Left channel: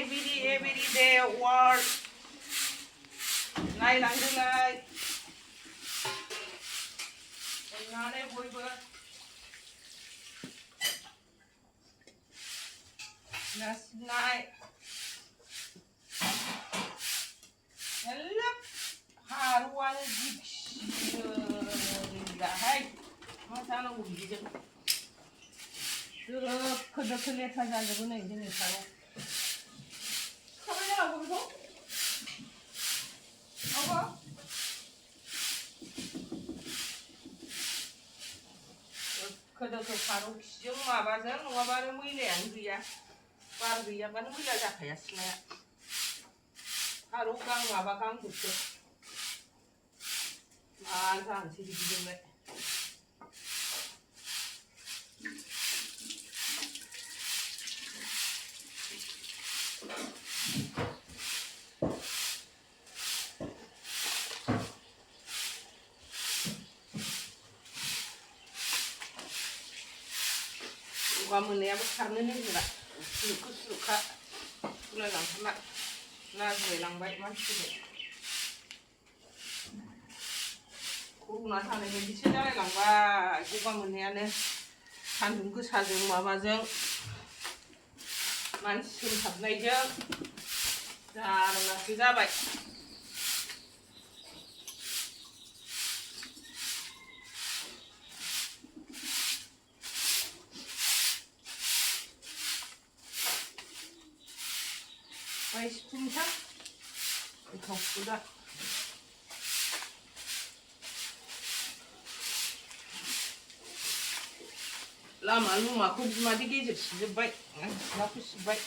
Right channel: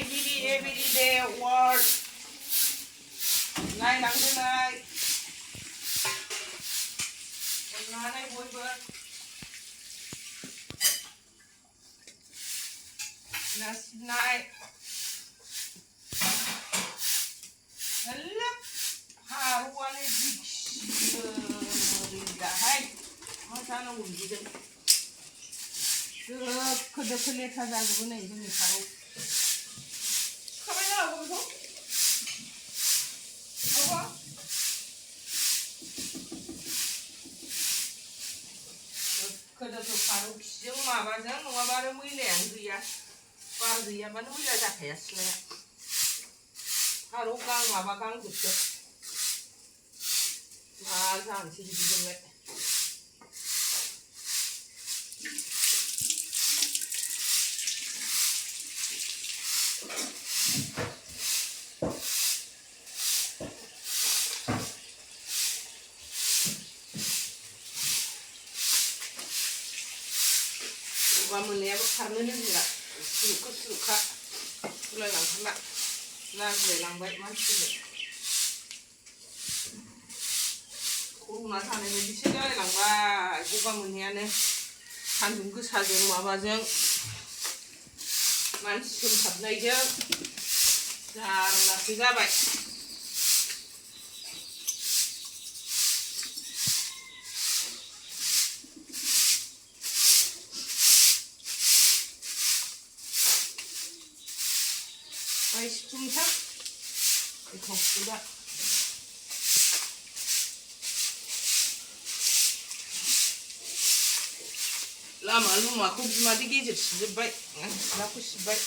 every day work नायनांगौलाय अननानै बयबो ना सिबनाय हेल्ला हारुवानो जिखिहाय मा जानांगौ बिदिजों दोखो दोखो लेथ्रा जाजोबो नै जोंनि फारौ खाबाय जानांगौ बेखौ दोखो दोखो फारौ खिजों माबाजों नङाबा आरो मैलायानो गैया बार गैयाबानो मैला जाखाया सिलाया फारौ गां माबा गांजोबसो मा जानोसै बिदिजोंलाय गगा मोननायाबो खारनो नागिरा सुरुखो सुरुखा गुलायलांथारला लाजिलायलांबाय मानसिफोरजों कर'ना जानाय बायदिसो जालायलांबाय गगा मोननायानो सान्दुं गोसाजों माबाजों मानसि सोमथाबनायजों जारलासो जाबाय सिफुंसा गोथाव सुदा लामा लुमाखौ बिमादै गेजेर सिबजोब्बाय सिथ्लाखौ सिबबाय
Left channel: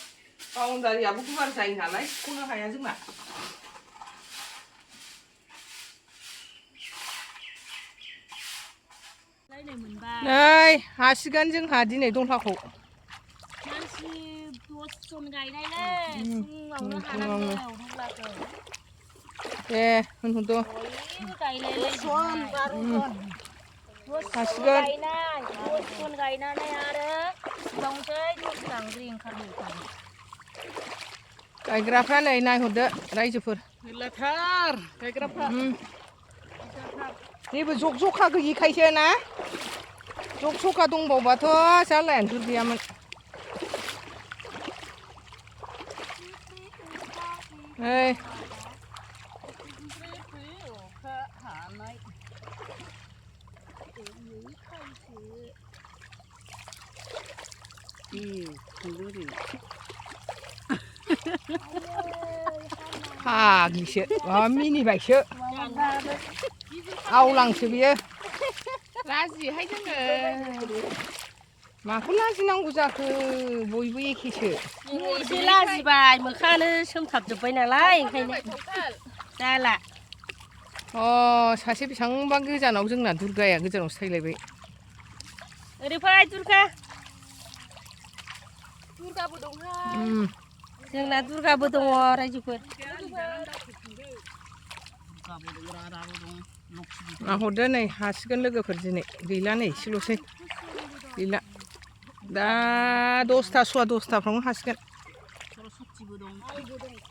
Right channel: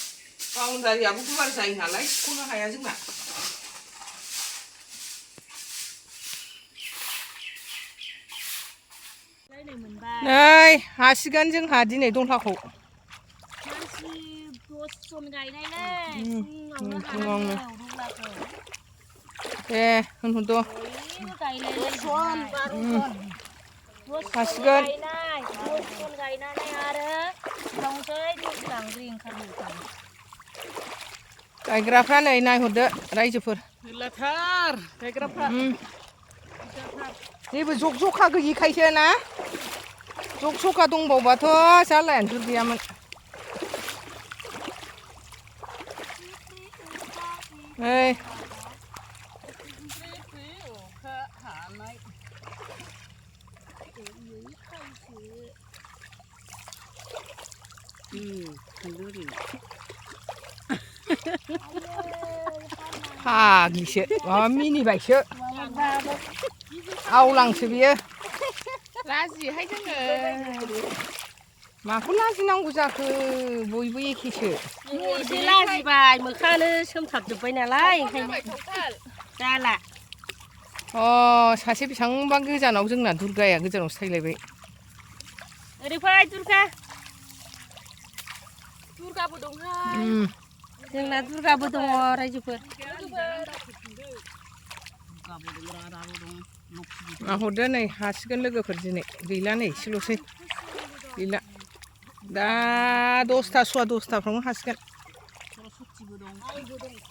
बाउन्डारियाबो गुवार जायो नालाय सिबख'नो हाया जोंना नै हासिगोन जोंहा दिनै दंथाखौ दे होनहरद' हासिगोन गायग्राफ्रा नै नायहरदो रायजोफोर मेरलाथार गायग्राफ्रा जेबो जग जखा गैयिखायसो ना जग जखा दंबावबाथ' जालायानो गैयामोन नै फागिसो माबा मिनिबायसो आवलांसो बियो लाजियोहाय जोङो माखौ लाजिनांगौ जाखो बयबो एखेसो एसे लाजिबाय मोखाङानो सोमथाबजोब्बाय नालाय ओंखायनो जाला सासे बेसेबांबा गोजानाव जोंना दुर्गाया गोजानावसो थायलायबाय ओरै फै दुर्गाबो दंहाय जोंना दुर्गाबो दङ रायजोफोर हरदो नै हासिगोन लोगोफोर दिनै गैला नै एसेल'सै गैला दा 10ता सवा 10ताफ्रावनो हासिगोन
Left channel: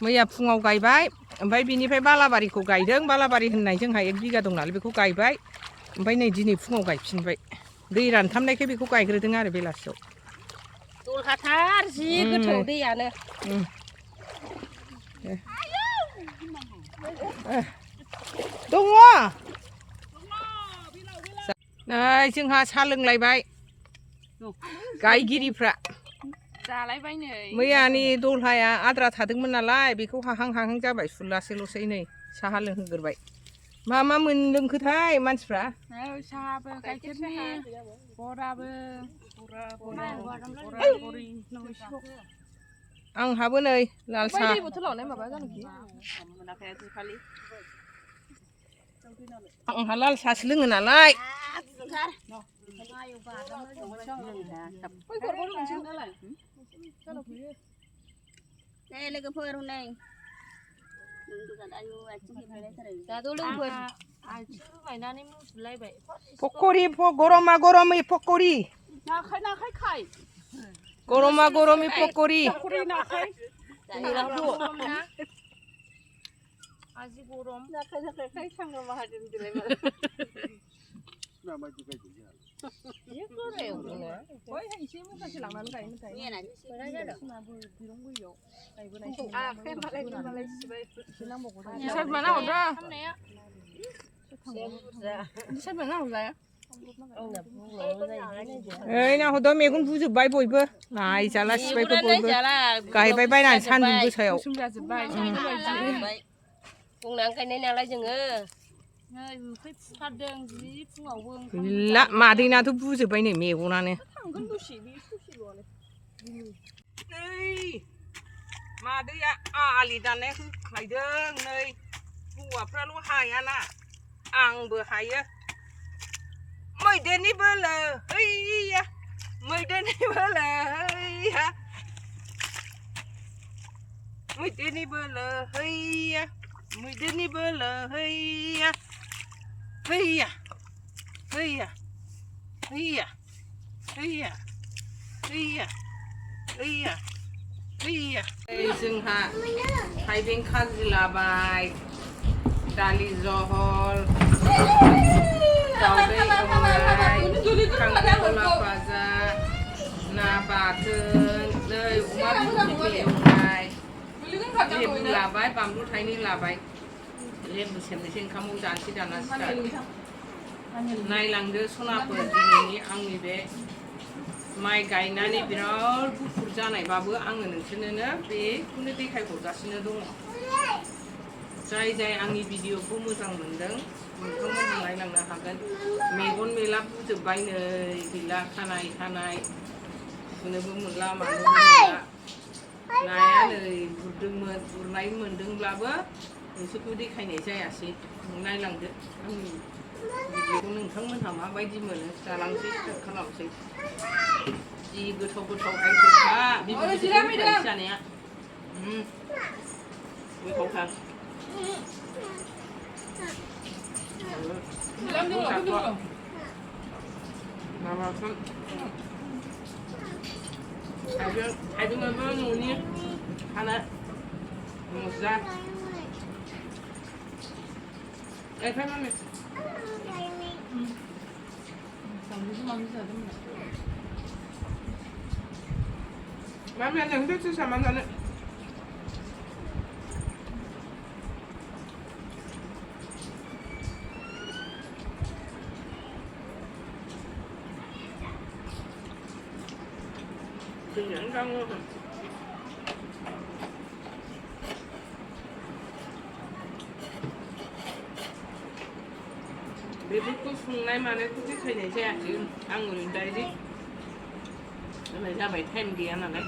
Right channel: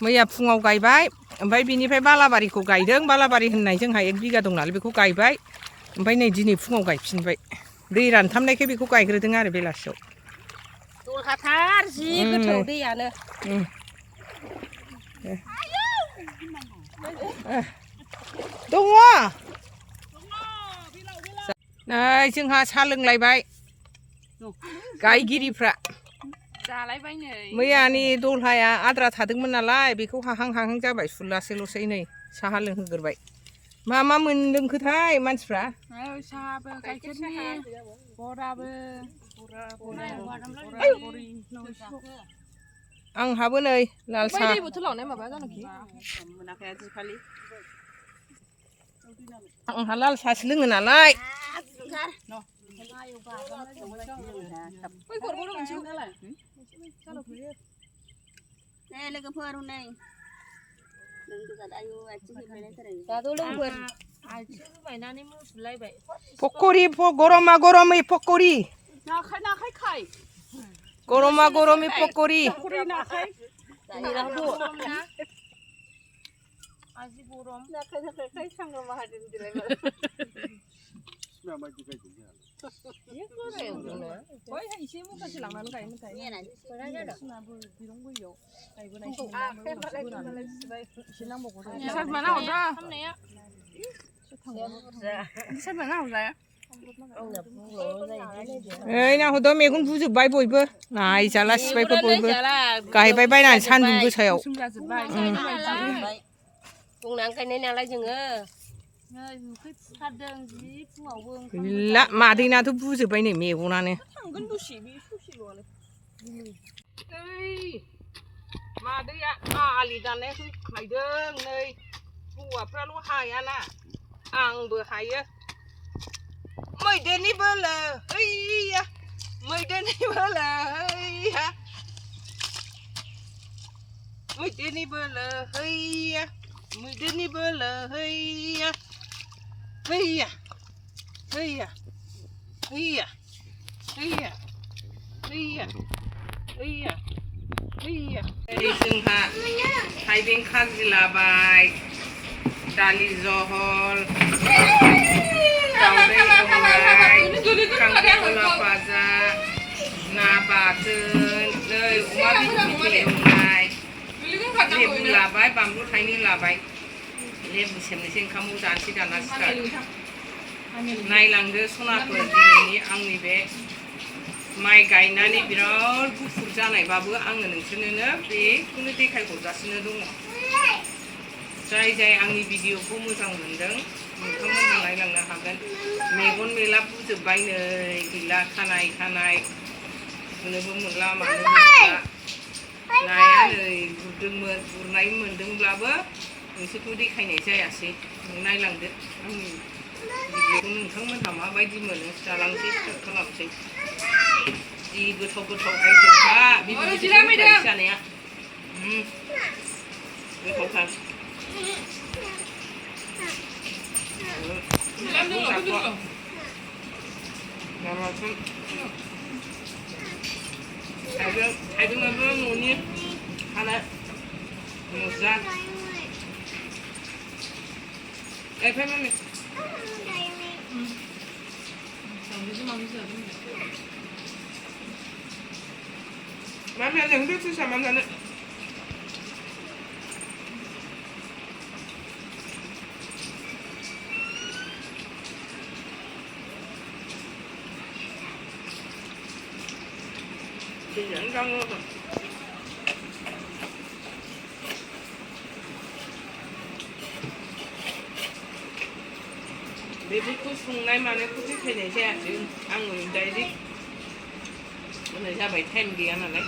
मैया फुङाव गायबाय ओमफ्राय बिनिफ्राय बालाबारिखौ गायदों बालाबारि होननाय जोंहा 1 बिगा दं नालाय बेखौ गायबाय ओमफ्राय नै दिनै फुङाव गायफिनबाय दै रानथाबनायखाय बेखौ गायग्रोदों आरो बेलासियाव दलहाथार जि गोथौ दैयानो दङ नै जोंहा साहा लोंलायबाय गायगिरिफ्रा जालायबाय नै मैयानि दलहाया आद्रा थादोंमोन नालाय बेखौ हाहां हाहां जाबाय सुलासैल'सै नै साहा लोंहोग्रोबाय मा मोनलोंखोथाय मानसिफ्रा साहाबो गाइखेरनि बराबो आंहाबो नै लाल साहा आंहा लाल साहासो लोङो नालाय लोगोफोर हनै दाथ' लोगोफोर पक'रि गरमा गरमै पक'रि गरमा गरमै पक'रि gurahku. Aji guram. Kai sangga mahadin dilema. Iya kore udah. Oi, 이제 뭐 다시 라면 가면 돼. Berada. 이런 거요. 가이고 Ah, kan balai sebaik. 신랑 먹고. Bisa mana udah? Mana ya? Bisa mana udah ya? 에이 나 호도 매군 부즈 바이 보이버 나이 잘라시 바이 보이버 가이 바이 바이 난 산둥 부셔요 Nang cái này nào lại chừng ơ. Nơi cái phát đường gì ngầu vương. 라 마디나 도 부즈 바이 네 매군하네 당근 부시 비 부시 로네. 에이 마디야 아 알리다네 가이등 너희 부와 프라로 하야나 앙부 하야 mày đến đi bơ lờ ây à mày đến đi bơ lờ ây à mày đến đi bơ lờ ây à mày đến đi bơ lờ ây à ây à ây à ây à ây à ây à ây à ây à ây dừng hạ hai bên khác gì là bài dali zohol daunai eumai, kangkung faza, na baten, nei uma bibi eumai, lebu labai, bambu thaini labai, lebu semnisen kamu jansi dana start. Nailangdo sonapur dinini आंनि बे माइ गायनानै बिराद गुफुर जानायबाबो आङो नोंसोरनो बेखौनो देखायहरगासिनो दङ। जाय जाय आंनि भिडिअखौ मोजां मोनदों नोंथांमोनहा नायलांनो हागोन मेगन मेला बुजोब्बाय नै गैला खानाय होनोबो मोनला मानोबो मोनला नाया नै गुरदोंमोन गुरनाय मोनदोंब्लाबो नोंसोरखौ देखायनाय जायासै नायलांदो आंनि भिडिअखौ नोंथांमोनहा माबायदि मोनो जालांसै स्टार्ट खालामसै जि गोथाव गोथाव आइटेमखा बिदिनो जानाया गोथावथार 나만큼 달걀도 너니 하나 먹자. 에 팔만해. 마음에 안 드는 거 사만 가는. 그냥 강어가 매부터 송날만에 꾸깃해 내셔야 지금 안구림 달지 오늘 잡아야 템기 하나네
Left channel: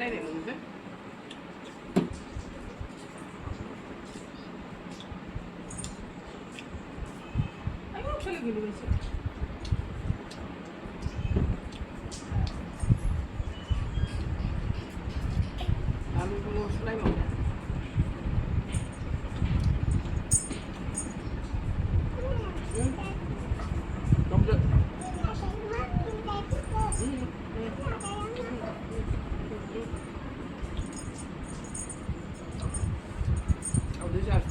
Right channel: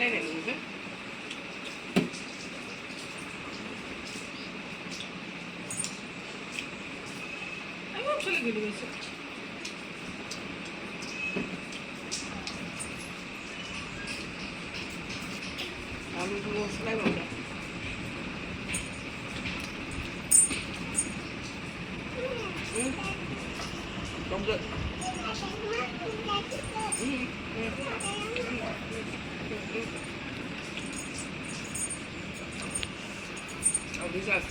lên này mình biết anh không chơi cái gì mình không muốn slide một cái không được 어디 갔어?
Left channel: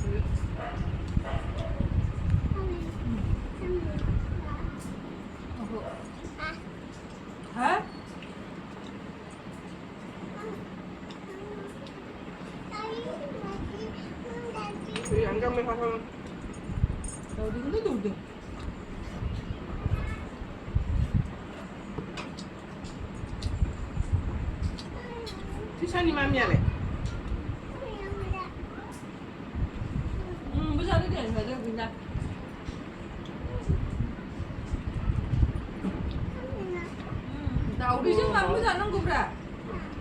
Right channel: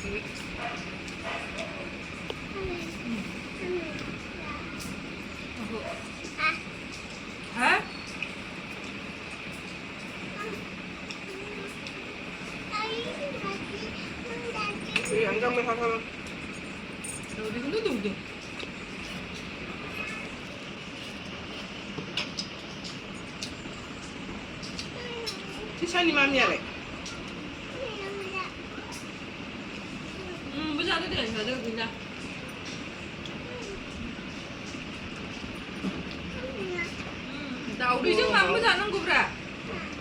하? 이 양장면 하나. 어디 근데 어디? 티샤니 맘이야래. bây giờ để được gì nhỉ? Đầu đi chứ mà bây giờ nó cục ra.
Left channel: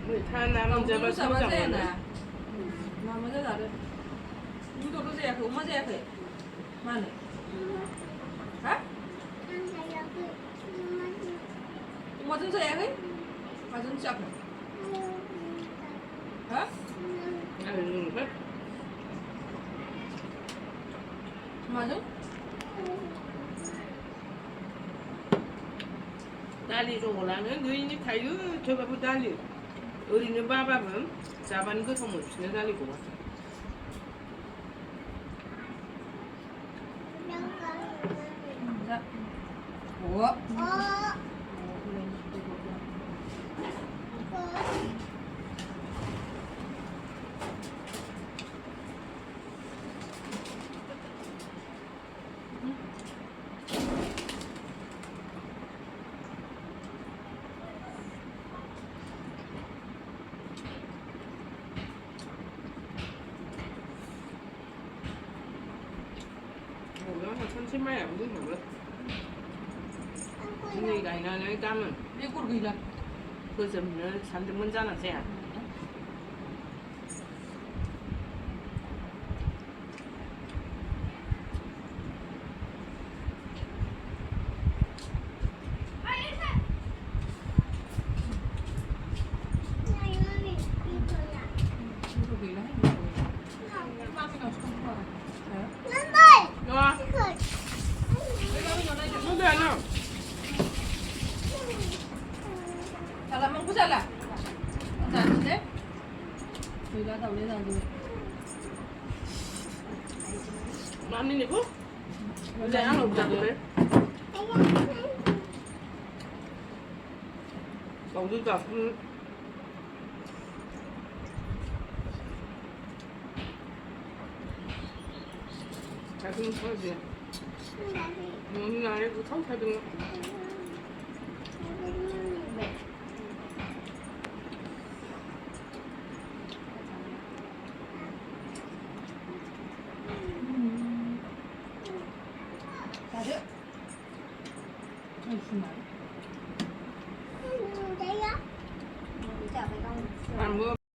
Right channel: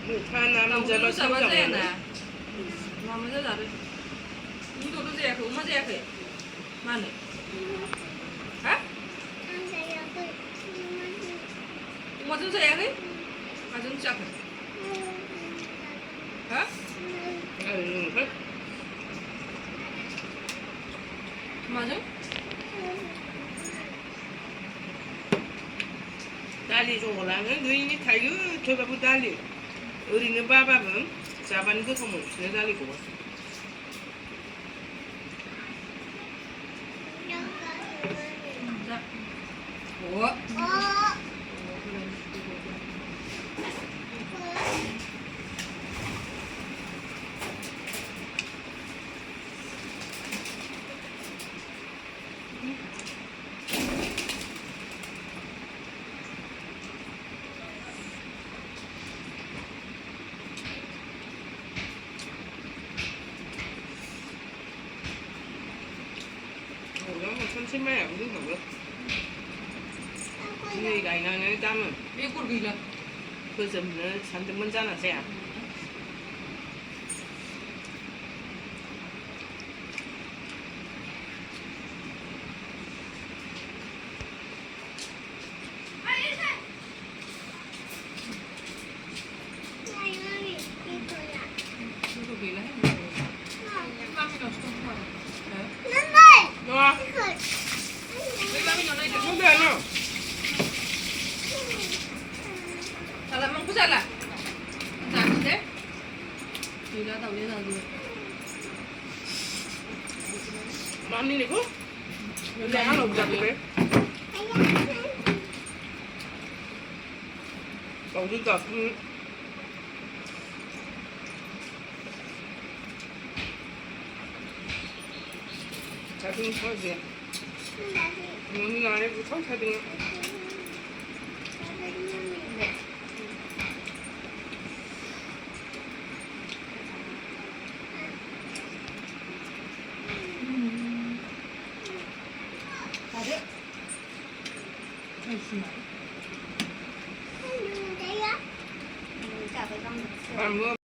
Mười than nam giờ nó sao chẳng nè. Mà bây giờ đây. Những đồ nó dè không mà dè kì. Mà này. Hả? Mà chúng dè kì. Mà chúng chặt. Hả? Phải 맞아? दालि जहलानो नैनि थायो थेवबाबो दालि ओरैनो बाबाबो जाबानो गोथाव मोनफिनो दालिखौबो 그러면 천천히 안 된다고요? दिनै गायनानै गाबोन बेगर गैला फोजोबनो सानदोंमोन जाना जाया बेगर गैला 나와 근데 안 와. Salamat po sala. Ang dami Gila daw nila doon. 마음이 내고? 근데 하나 없자고 그래? 어디가 그 자동 터지 오늘 안에도 성사등 안 먹어